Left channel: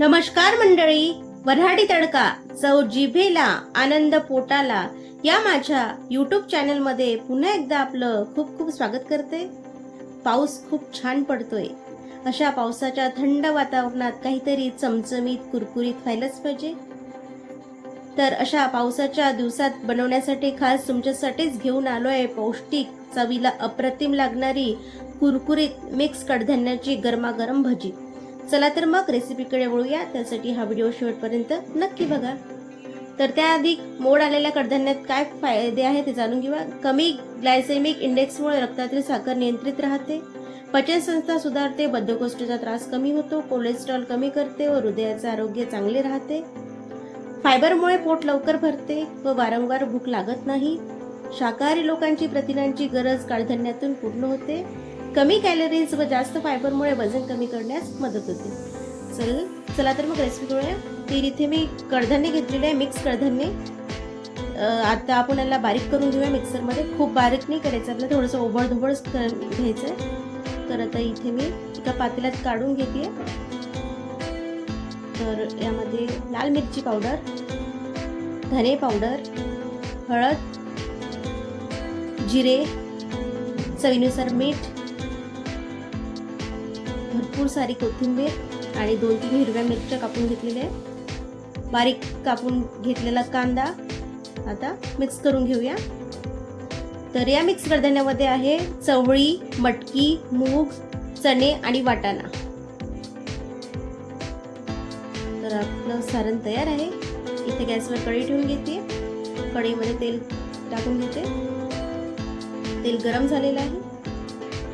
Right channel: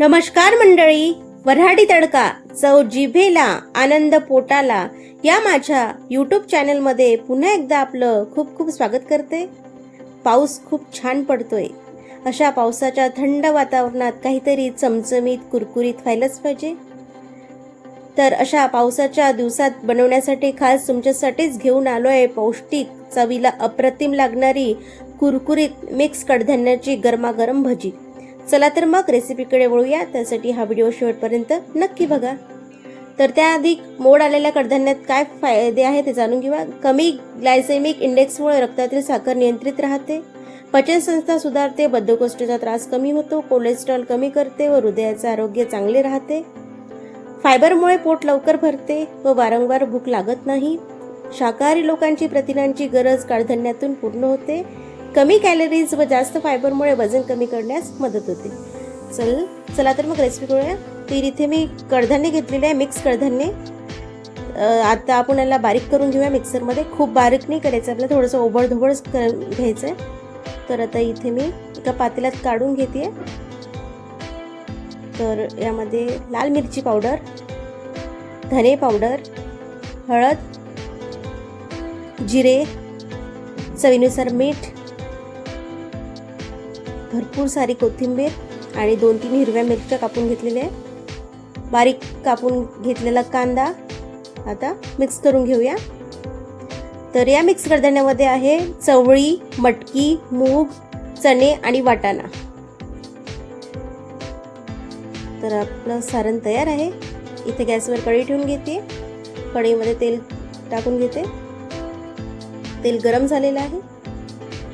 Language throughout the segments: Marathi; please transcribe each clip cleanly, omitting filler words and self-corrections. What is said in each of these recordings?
नमस्कार मंडळी, वऱ्हाडी तडका, चव जिभेला, आनंद पोटाला या माझ्या यूट्यूब चॅनलमध्ये पुन्हा एकदा आपलं खूप खूप स्वागत करते. पाऊस खूप छान पडतोय. अशा पावसाच्या थंड वातावरणात काहीतरी चमचमीत कुरकुरीत व्हायलाच पाहिजे. तर अशा पावसाच्या दिवसात बनवण्यासाठी खास तुमच्यासाठीच घेऊन आलोय पौष्टिक, चवीला अप्रतिम लागणारी कुरकुरीत मिक्स कडधान्याची गरमागरम भजी. चला तर मग रेसिपीकडे वळूया. त्यासाठी हा व्हिडिओ शेवटपर्यंत नक्की बघा. तर त्याआधी मोड आलेल्या कडधान्यात काय फायदे आहेत ते जाणून घेऊया. कमी ग्लायसेमिक इंडेक्समुळे रक्तातील साखर नियंत्रित राहते, पचनसंस्था सुधारते, बद्धकोष्ठतेचा त्रास कमी होतो, कोलेस्ट्रॉल कमी करते व हृदयाचे आरोग्य चांगले राहते. फायबरमुळे पोट लवकर भरते व वारंवार भूक लागत नाही. शाकाहारी लोकांची प्रथिनांची गरज कडधान्यातून पूर्ण होते. कमी कॅलरीज व जास्त फायबरमुळे वजन कमी करण्यास मदत होते. चला तर मग रेसिपी करूया. तर इथे मी कडधान्य घेतलेले आहे, मिक्स कडधान्य. आता आपण याला बारीक करून घेऊया मिक्सरमध्ये. खूप बारीक नाही करायचं आपल्याला, थोडंसं ओबडधोबड घ्यायचं आहे. तर आता इथे मी एका पातेल्यात काढून घेते. तर यामध्ये लाल मिरची पावडर, धने पावडर, हळद, जिरे, चवीनुसार मीठ, भरपूर सारी कोथिंबीर आणि 2-3 हिरव्या मिरच्या कापून घेतलेल्या आहे. बारीक कापून घेतलेला कांदा आता मिक्स करून घेऊया. तर या मिक्स कडधान्यामध्ये आहे चवळी, मटकी, मूग, चणे आणि वाटाणा. तर आपलं सारण तयार आहे. इथे गॅसवर कढई ठेवून घेते. कढईमध्ये तेल टाकून घेते. तेल गरम झालेलं आहे.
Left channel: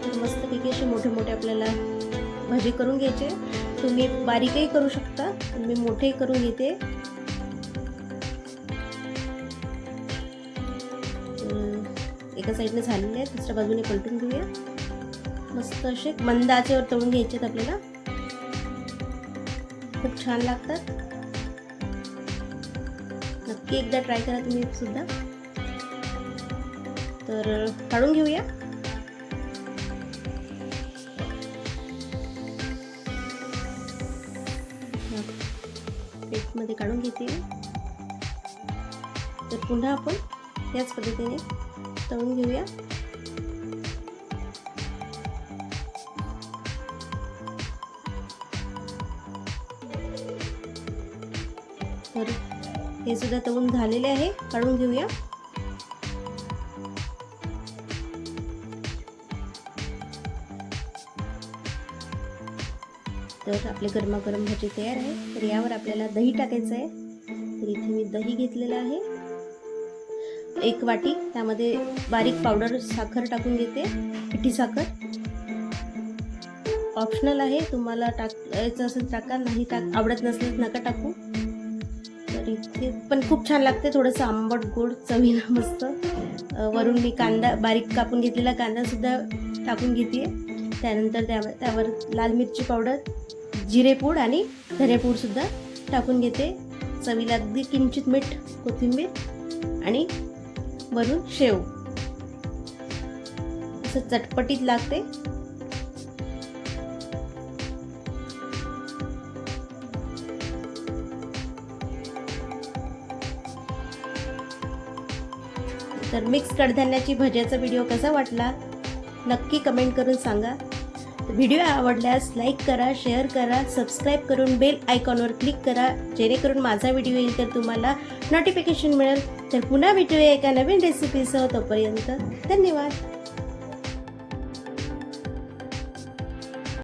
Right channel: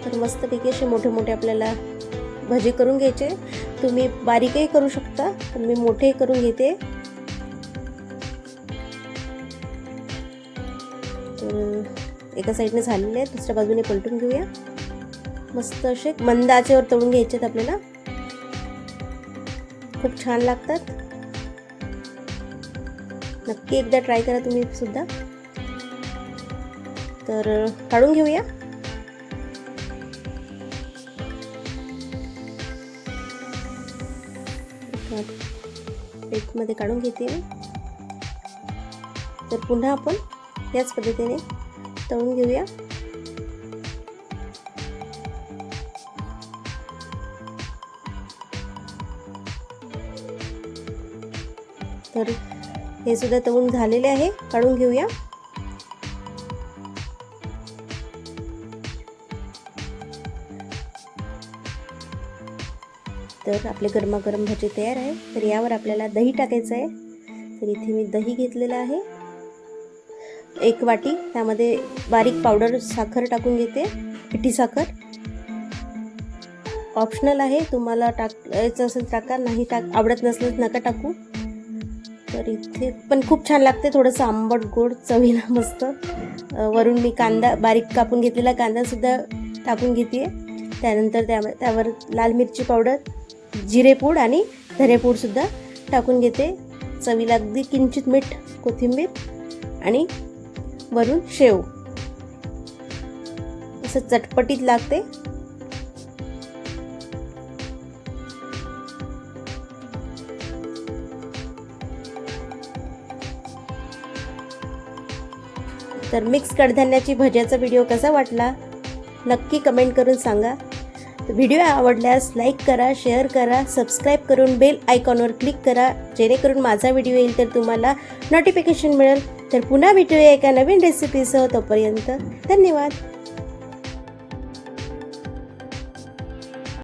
तर मस्तपैकी असे मोठे मोठे आपल्याला भजी करून घ्यायचे. तुम्ही बारीकही करू शकता, पण मी मोठे करून घेते. एका साईडने झालेले आहे, दुसऱ्या बाजूने पलटून घेऊया. मस्त असे मंद आचेवर तळून घ्यायचे आपल्याला. खूप छान लागतात. नक्की एकदा ट्राय करा तुम्ही सुद्धा. तर काढून घेऊया. प्लेटमध्ये काढून घेते. तर पुन्हा आपण याच पद्धतीने तळून घेऊया. तर हे सुद्धा तळून झालेले आहे, काढून घेऊया. तर आपले गरमागरम भजी तयार आहे. तर यावर आपल्याला दही टाकायचं आहे. तर इथे मी दही घेतलेलं आहे 1 वाटी. त्यामध्ये बारीक पावडर साखर टाकून घेते, पिठी साखर. ऑप्शनल आहे, तुम्हाला टाकायचं असेल टाका, नाही आवडत नसेल नका टाकू. तर इथे पण खूप छान लागते, थोडंसं आंबट गोड चवीला मस्त. वरून मी कांदा बारीक कापून घेतलेला कांदा सुद्धा टाकून घेते. त्यानंतर त्यावर लाल मिरची पावडर, जिरेपूड आणि धनेपूड सुद्धा टाकून घेते. चवीला अगदी किंचित मीठ, कोथिंबीर आणि वरून शेव. असं चटपटीत लागते. तर मिक्स कडधान्याची भज्याचा व्हिडिओ कसा वाटला नक्की कमेंट करून सांगा. व्हिडिओ आवडल्यास लाईक करा, शेअर करा, सबस्क्राईब करून बेल आयकॉनवर क्लिक करा, जेणेकरून माझा व्हिडिओ येईल तर तुम्हाला नोटिफिकेशन मिळेल. तर पुन्हा भेटूया एका नवीन रेसिपीसह. तोपर्यंत धन्यवाद.